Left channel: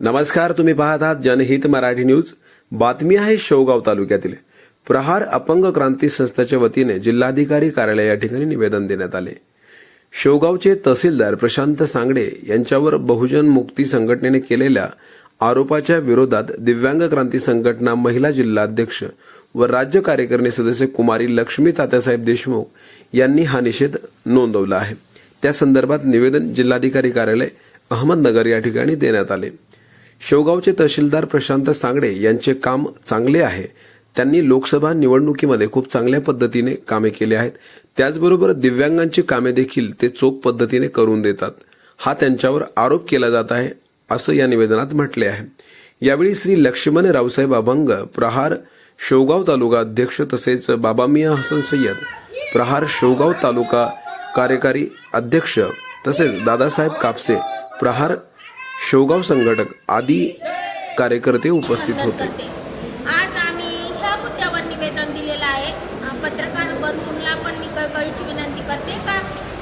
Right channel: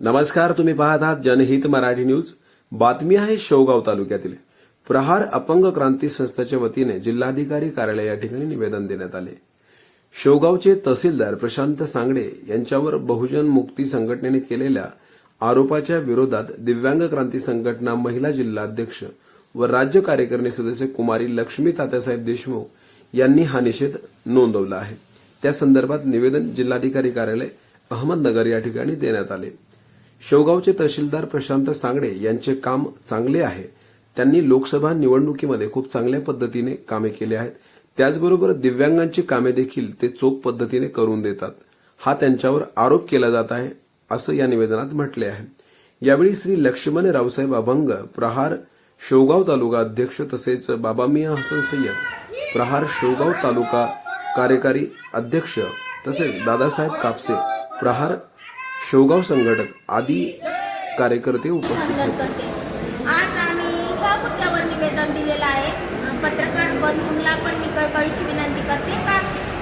नमस्कार तुम्ही पाहत आहात जनहित मराठी न्यूज. बातमी आहे शेवगाव तालुक्यातील. प्रहार अपंग क्रांती संस्थेच्या वतीने जिल्हाधिकारी कार्यालय या ठिकाणी निवेदन देण्यात आले. शेवगावचे तहसीलदार प्रशांत सांगडे यांच्यावर बहुजन मुक्ती संघटनेने केलेल्या आरोपाच्या विरोधात दिव्यांग क्रांती संघटना महिला जिल्हाध्यक्ष व राज्य कार्यकारिणी सदस्य कुमारी लक्ष्मी तात्यासाहेब देशमुख यांनी हा निषेध नोंदवला आहे. त्या संदर्भात निवेदन जिल्हाधिकारी कार्यालय अहमदनगर या ठिकाणी देण्यात आले. शेवगावचे तहसीलदार प्रशांत सांगडे यांचे काम चांगले आहे. त्यांनी लोकसभा निवडणुकीमध्ये खूप चांगल्या पद्धतीने कामे केली आहेत. त्याचबरोबर दिव्यांगांची कामे देखील ते चोख पद्धतीने करून देतात. हा त्यांच्यावर आरोप केला जात आहे असं या निवेदनात म्हटले आहे. यावेळी श्री लक्ष्मण रावसाहेब अभंग प्रहार शेवगाव तालुका अध्यक्ष तसेच बाबा मिया हसन सय्यद प्रहार शेवगाव तालुका कार्यकारी अध्यक्ष तसेच दादासाहेब कापसे प्रहार शेवगाव संघटक आदी कार्यकर्ते उपस्थित होते. करते. आज आम्ही ह्या मुद्द्यावर निवेदन दिलेलं आहे. पत्रकार बंधूंना पण मी कळकळीची विनंती करते का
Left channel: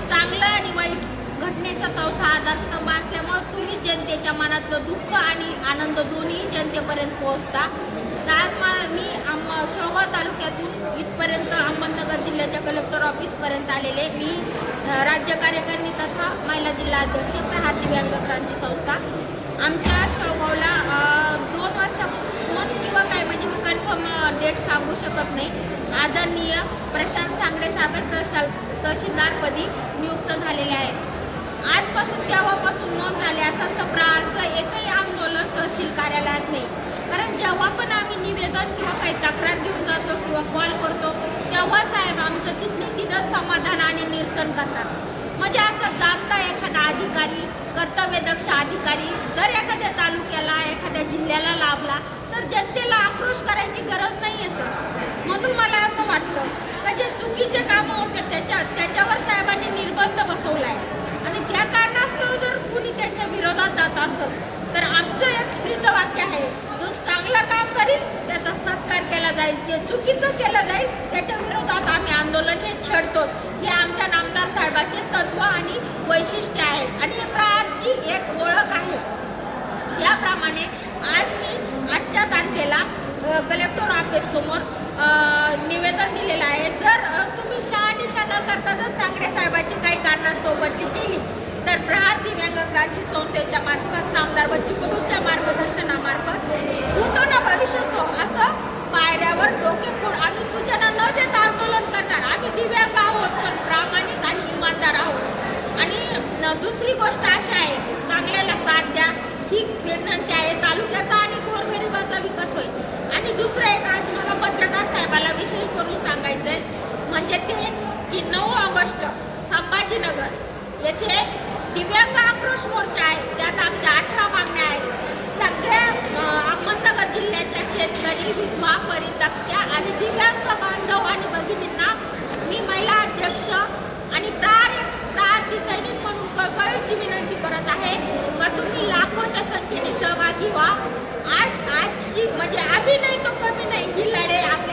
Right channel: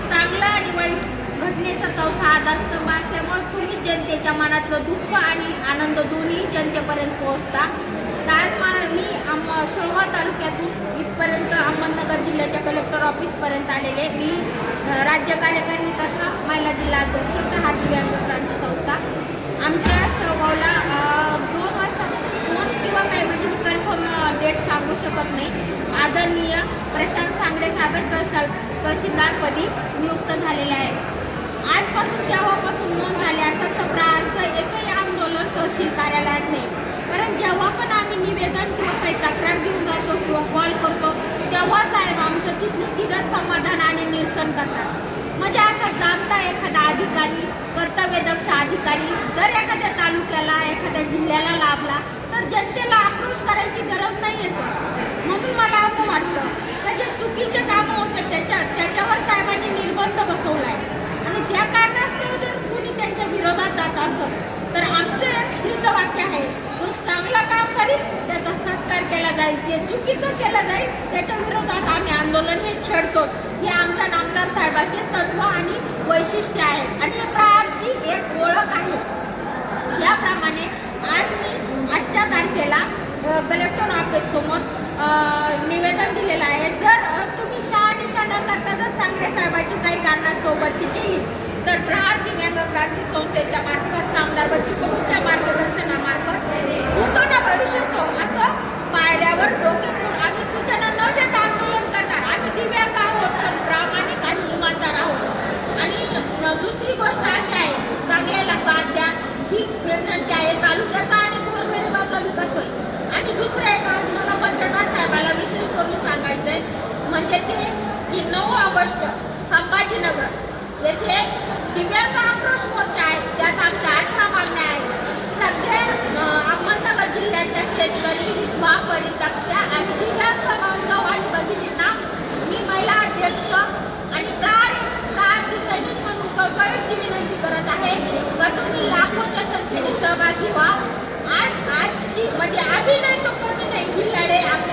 चांगलं आणि वाईट घटनेचा चौथा आधारस्तंभ असल्यामुळे तुम्ही जनतेच्या मनातलं दुःख आणि आनंद दोन्ही जनतेपर्यंत पोहोचता. मा- मी आम तालुक्यातून इथपर्यंत अहमदनगर जिल्ह्याच्या कलेक्टर ऑफिसपर्यंत आलेले मी राज्य कार्यकारिणी तथा महिला जिल्हा अध्यक्ष प्रहार दिव्यांग क्रांती संस्था. आमच्या शेवगावला दोन वर्ष दोन किंवा काय म्हणजे मी कन्फर्म डेट सांगू शकत नाही. आदरणीय प्रशांत सांगडे साहेब तहसील तहसीलदारपदी नियुक्त झालेले आहेत. आजपासून तेव्हापासून नोंद झाली असं तर प्रहारचं एकही आंदोलन तहसील कार्यालयात नाही. कारण जेव्हा पण काही तक्रार घेऊन जातो किंवा कॉल करतो तेव्हा साहेब आमचं तिथलं तिथं समाधान आणि निरसन करतात. म्हणजे असं जाणता एखादा अधिकारी कर्तव्यदक्ष अधिकारी जर एखाद्या तालुक्याला एखाद्या जिल्ह्याला लाभला तर जनतेला आक्रोश करायची गरज नाही आहे सर म्हणून मला असं वाटतं का जे चुकीचे कामं होतं त्याच्या त्याच्यावर साहेबांनी निर्बंध बसवला आहे आणि त्या कारणास्तव जर कुणी त्यांच्या विरोधात जात असं तर आमचं एक स्थिर वाक्य आहे जो चांगलं काम करील त्याचा सत्कार जाईल जे चुकीचं केलं जाईल त्याच्या विरोधात आम्ही आंदोलन हे छेडतो. हे आमच्या नामदार साहेबाचे तत्व आणि वैशिष्ट्य आहे. आणि हे प्रहारची एक ओळख आहे. याप्रमाणे आज मी आजच्या तारखेला कलेक्टर ऑफिस समोर निवेदन दिलेलं आहे. जर तुम्ही शहानिशा न करता जर सांगडे साहेबाची काही कारणास्तव बदली केली तर प्रहार दिव्यांग क्रांती संस्थेच्या मार्फत नामदार बच्चू कडूंच्या मार्गदर्शनामार्फत होतो ना भविष्यस्तो असं पायऱ्यावर डोके फोड आम्ही सूचना न देता आंदोलन करणार आम्ही दिव्यांग आहोत पण प्रामाणिक आणि इमानदार आहोत आणि अ, दुसरी गोष्ट अशी आहे चांगल्याला साथ द्या. ही विनंती आहे तालुक्याचा आणि गोरगरिबाचा विकास होईल. आणि दुसरं एक आज मला पत्रकार साहेबाला विशेष करून सांगायचंय म्हणजे ते की नऊ ऑगस्ट संभाजीनगर येथे दिव्यांग आक्रोश मोर्चा आहे. त्यात आमच्या अठरा मागण्या आहेत सगळ्या अ, अहमदनगर जिल्ह्याच्या शेतकरी विधवा परित्यक्त्या आणि दिव्यांग बांधव आणि भगिनींना मी महिला अध्यक्ष आणि प्रार प्रारची सैनिक म्हणून कळकळीची विनंती करत किंवा का तुम्ही लाखोच्या संख्येने सहभागी व्हा. आज आजची म्हणजे अभिनय तो कमी नाही. ही लढाई आपल्या